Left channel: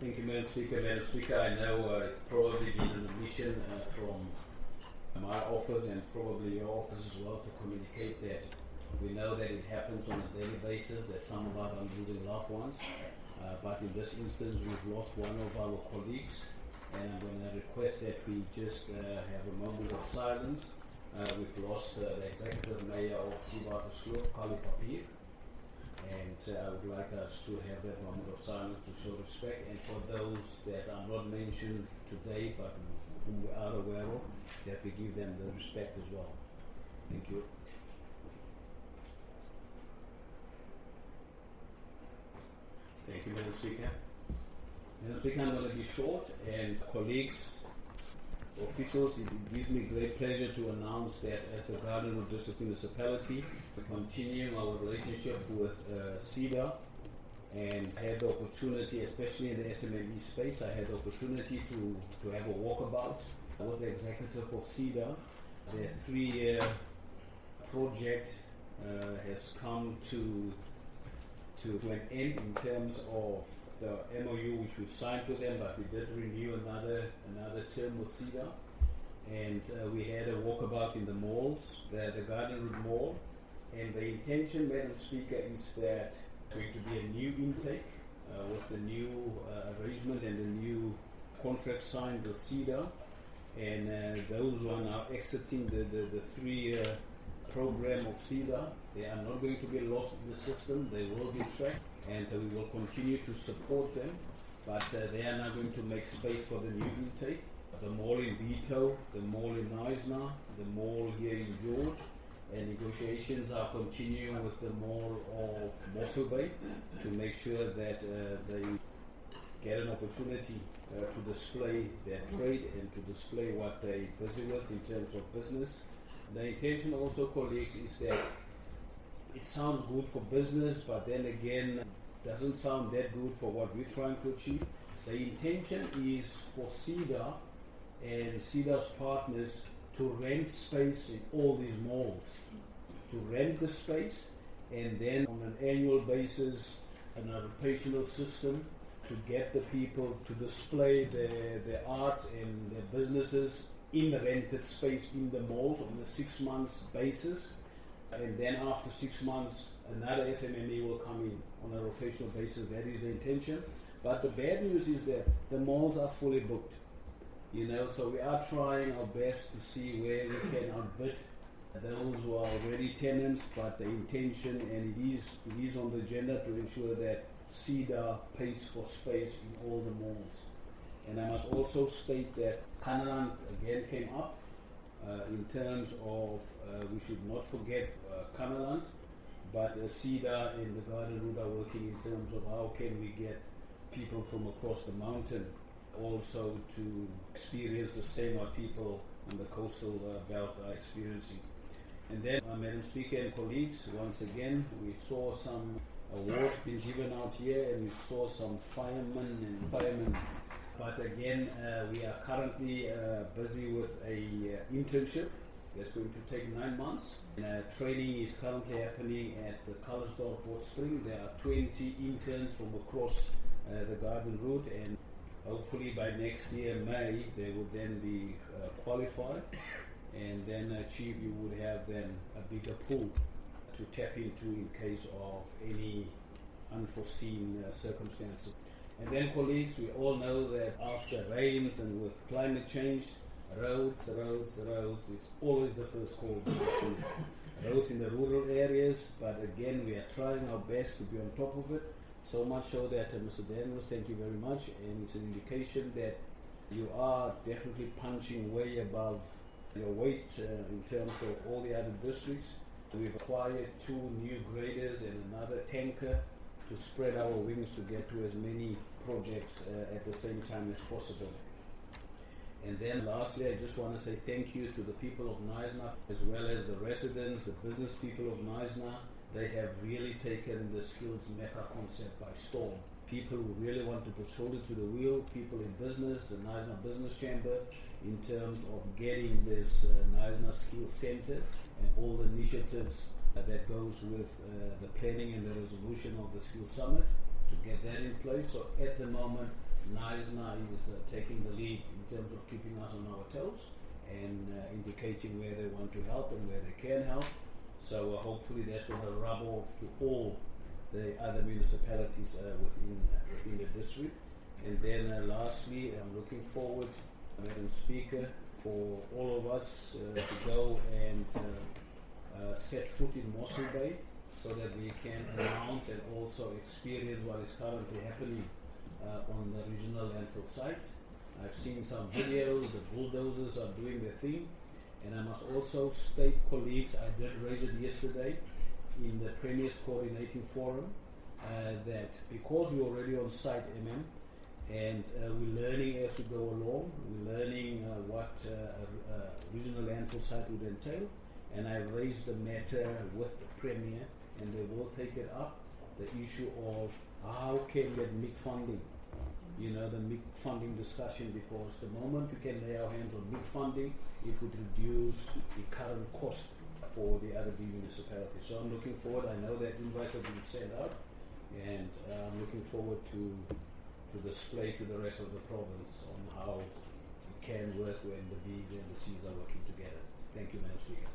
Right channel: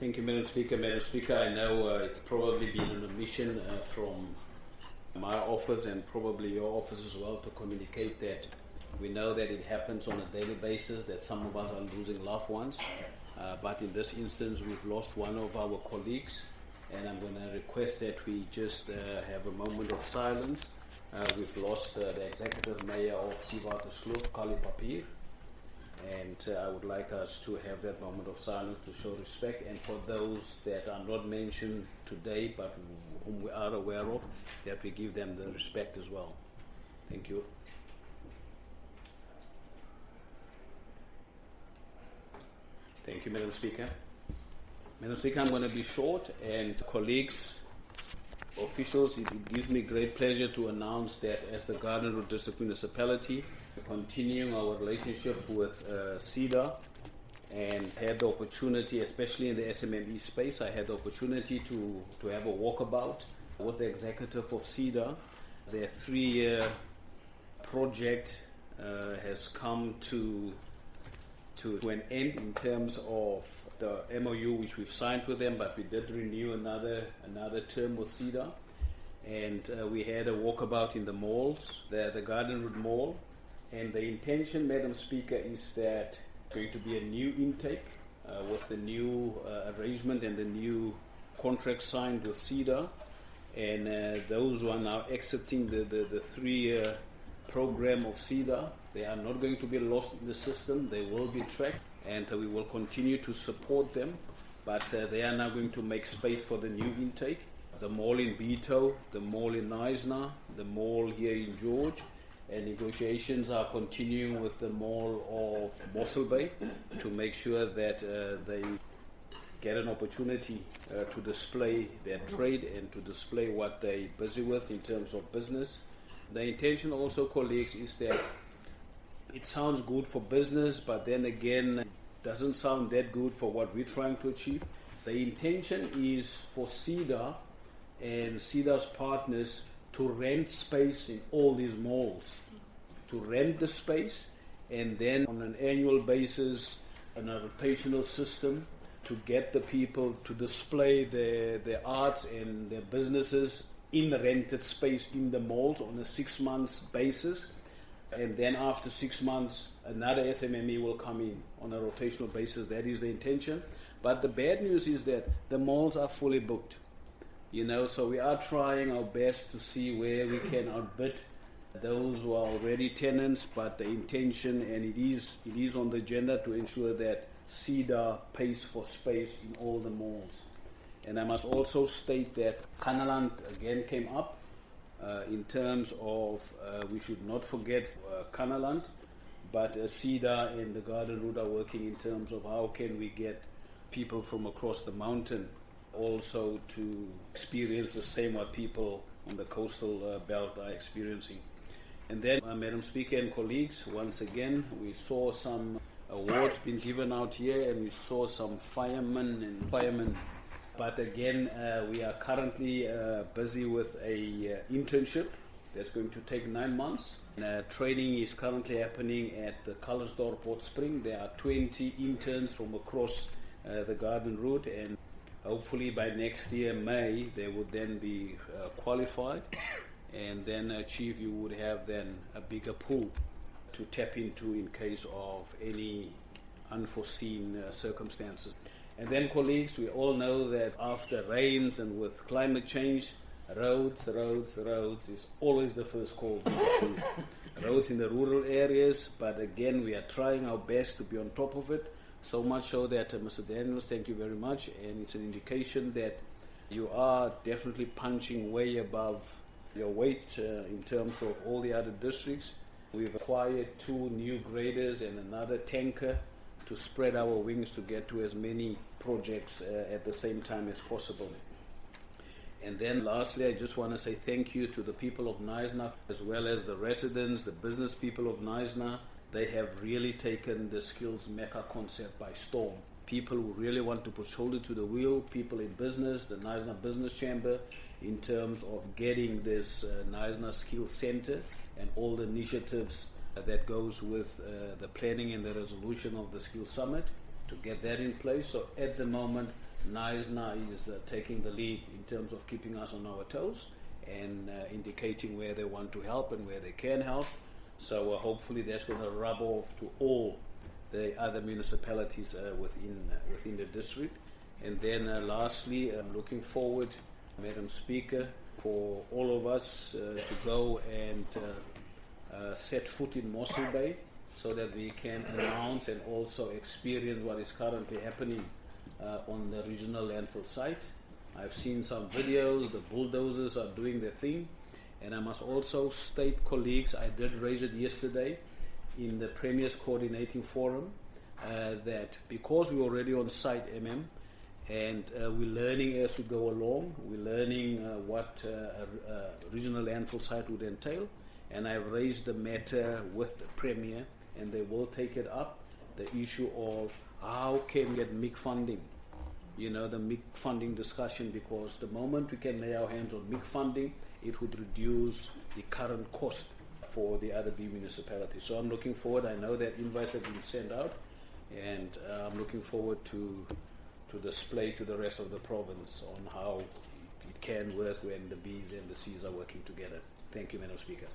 Thank you, Madam Speaker. Madam Speaker, I know it's probably been an omission from my office and probably your office as well to communicate that we know that it happens on a daily basis, that some of us are losing loved ones. But in this instance, we've lost one of our colleagues, and I'm going to request that we just have a moment of silence. We've lost the Executive Mayor of Kloof, Kali Papier. And I would like us to have that moment of silence to show respect. And for those that are not mentioned today, but whom we are aware of, that we give them the respect as well. Thank you. Thank you, Madam Speaker. Madam Speaker, I'm going to be short, and colleagues, officials, it gives me great pleasure to announce that as the Garden Route District Municipality, we're continuing our relationship with CEDA, and had the opportunity, especially in the SMME space, I had the opportunity to have a walkabout with the executive of CEDA. Their 3-year project has come to an end in terms of the MOU which we've signed with them, but we did renew another term with CEDA, and we had a walkabout in the malls, the Garden Route Mall, and the intention, Madam Speaker, is that going to be a new intake with the new arrangement and the new contract signed with CEDA, and those who are now exiting the 3-year program of CEDA, they are not going to be lost in the system. They will be tracked, and we will continue to support them, but they are now going to make space for the new intake. The mall in Beto, the mall in Knysna, the mall here in George, and negotiations are continuing with the mall of Mossel Bay to make sure that they get an opportunity to display their trade and to display what they're busy with in terms of business. The intention also, colleagues, is that it sounds good for business, but then again, it doesn't sound that good for what we're trying to achieve. The intention is for CEDA and CEDA's partners to rent space in all these malls, to rent the space, and then on an annual basis, on a rotational system, to get the people to display their arts and their businesses in the rented space in the malls on a 6-month basis. And then after 6 months, another SMME will come in on a rotational basis. That is the intention. But the bad news is that the malls are fully booked. So we are trying our best to see where we can outbid those who are already tenants, but the intention, and it is on the agenda to ensure that CEDA pays for space in all the malls. And I must also state that Kanaland again came up in terms of we should not forget Kanaland, but CEDA and the Garden Route are working in terms of how can we get people from across the mountain also to experience the same what people on the coastal belt are experiencing. And then, Madam Speaker and colleagues, once again, we saw some awards being given out here, and we saw some firemen. But again, we are currently busy with a internship that's going to take 9 months. And, training is currently happening at the Colorsdorp Hot Spring. There are 20 interns from across the Garden Route, and hopefully by next year, May, they would then be qualified. And then, Chief, you would have then a bigger pool to tap into in case of any unforeseen circumstances. And then, colleagues, we all know that after rains and with climate change, roads is always the first call to action. Roads in the rural areas, but again, we are trying our best to be on top of it. So much so that, Mr. Daniels, thank you very much, and it's an indication that you are definitely punching way above your weight in terms of all the other districts. We've acquired 2 new graders and another tanker to spread our wings to get to as many projects at the same time as possible. And then lastly, I just want to say thank you to the people of Knysna, as well as the residents, the business people of Knysna. They have really taken the Skills Mecca concept by storm. People who really want to put shoulder to the wheel, people in business, the Knysna Business Chamber, in terms of getting this Knysna Skills Center and all the initiatives that goes with the planning and the resolution of the Skills Summit to get that in place. So at the moment, Naisna is taking the lead in terms of keeping us on our toes and indicating where they want to help and where they can help. So hopefully that's going to rub off to all the other municipalities within the district. And then lastly, I'm looking forward, Madam Speaker, for all of us to go and set foot in Mossel Bay so that we can announce and also experience what is currently happening on the regional landfill site. I've seen some videos, the bulldozers are doing their thing, and I must also state, colleagues, I did raise it yesterday in the Premier's Coordinating Forum, that because we're already on site, and we're learning as we go along, we're learning what a regional landfill site would entail, and I've raised the matter with the Premier, and they will take it up, the issue of how can we get MIC funding, the MIC funding discussion, because the moment we can lay our hands on MIC funding, it would reduce the current cost for the other B municipalities. So I'm looking forward. I know that invites have been sent out, and I'm looking forward to display to the rest of the province on how it can work when the Bs and the Cs are working together. Thank you, Madam Speaker.